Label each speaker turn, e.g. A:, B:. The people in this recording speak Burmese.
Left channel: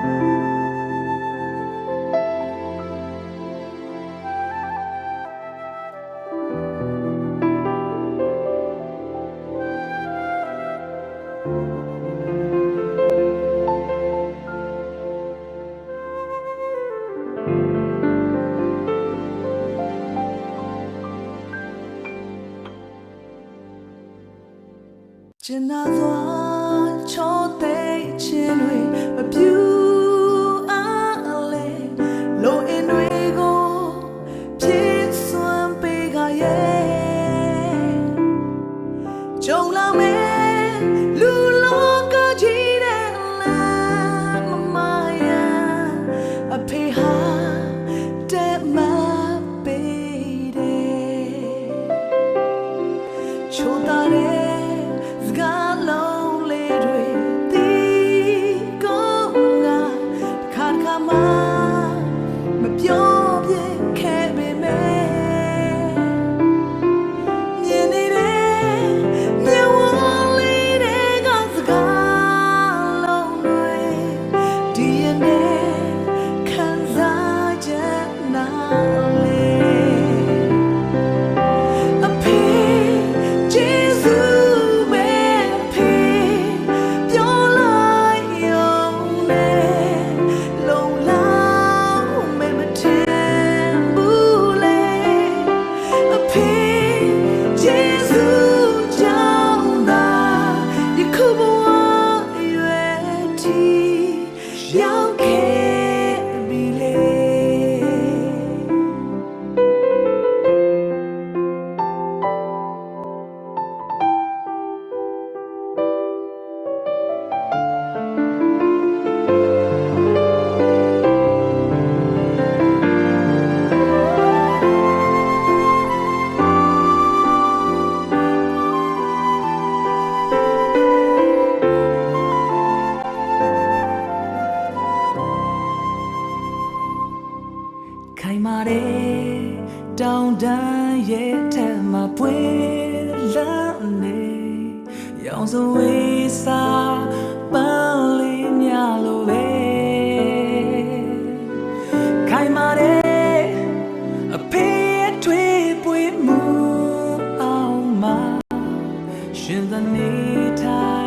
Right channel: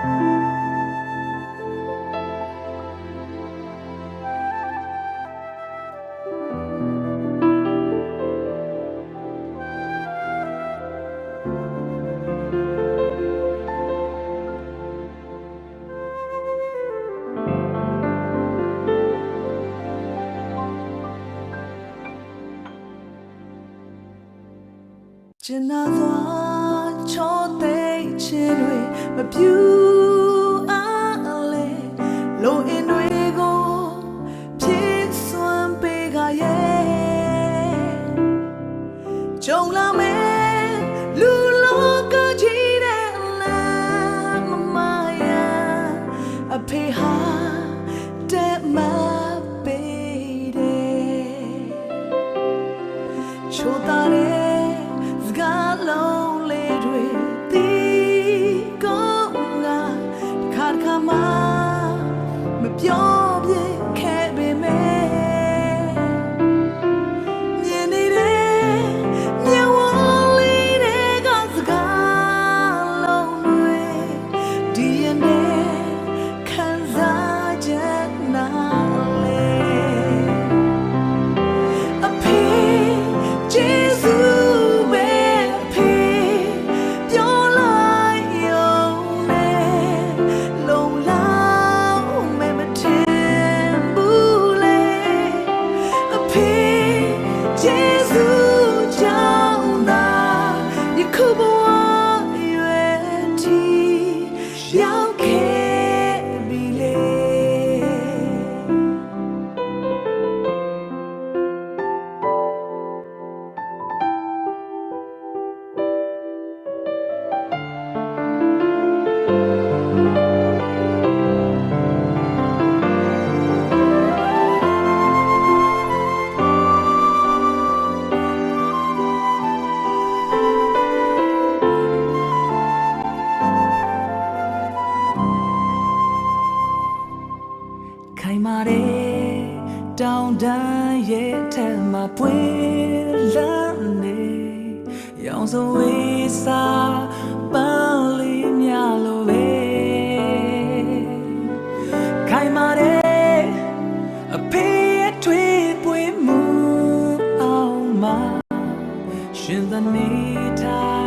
A: ကျင်နာသွားချောတဲ့ခြင်းတွေမပြူအားလေ လိုအင်တွေကိုပြည့်စွမ်းပေးကြရဲ့ကြုံလာမယ်လူလောကကြီးတဲ့လမ်းမမယအဖေဟာတဲ့မပေးတယ်ချိုတာတဲ့စကားလုံးလေးတွေတီးကောင်းကတစ်ခါတစ်ခါမှမ ပြောပြခဲ့ပေ မာတဲ့တောင်တန်းရဲ့အထက်မှာပွေလန်းနေရောင်စုံဝေးစားပန်းလေးများလိုပဲခိုင်မာတဲ့အဖေရဲ့ထွေးပွေမှုအောင်မှာရှင်သနေထား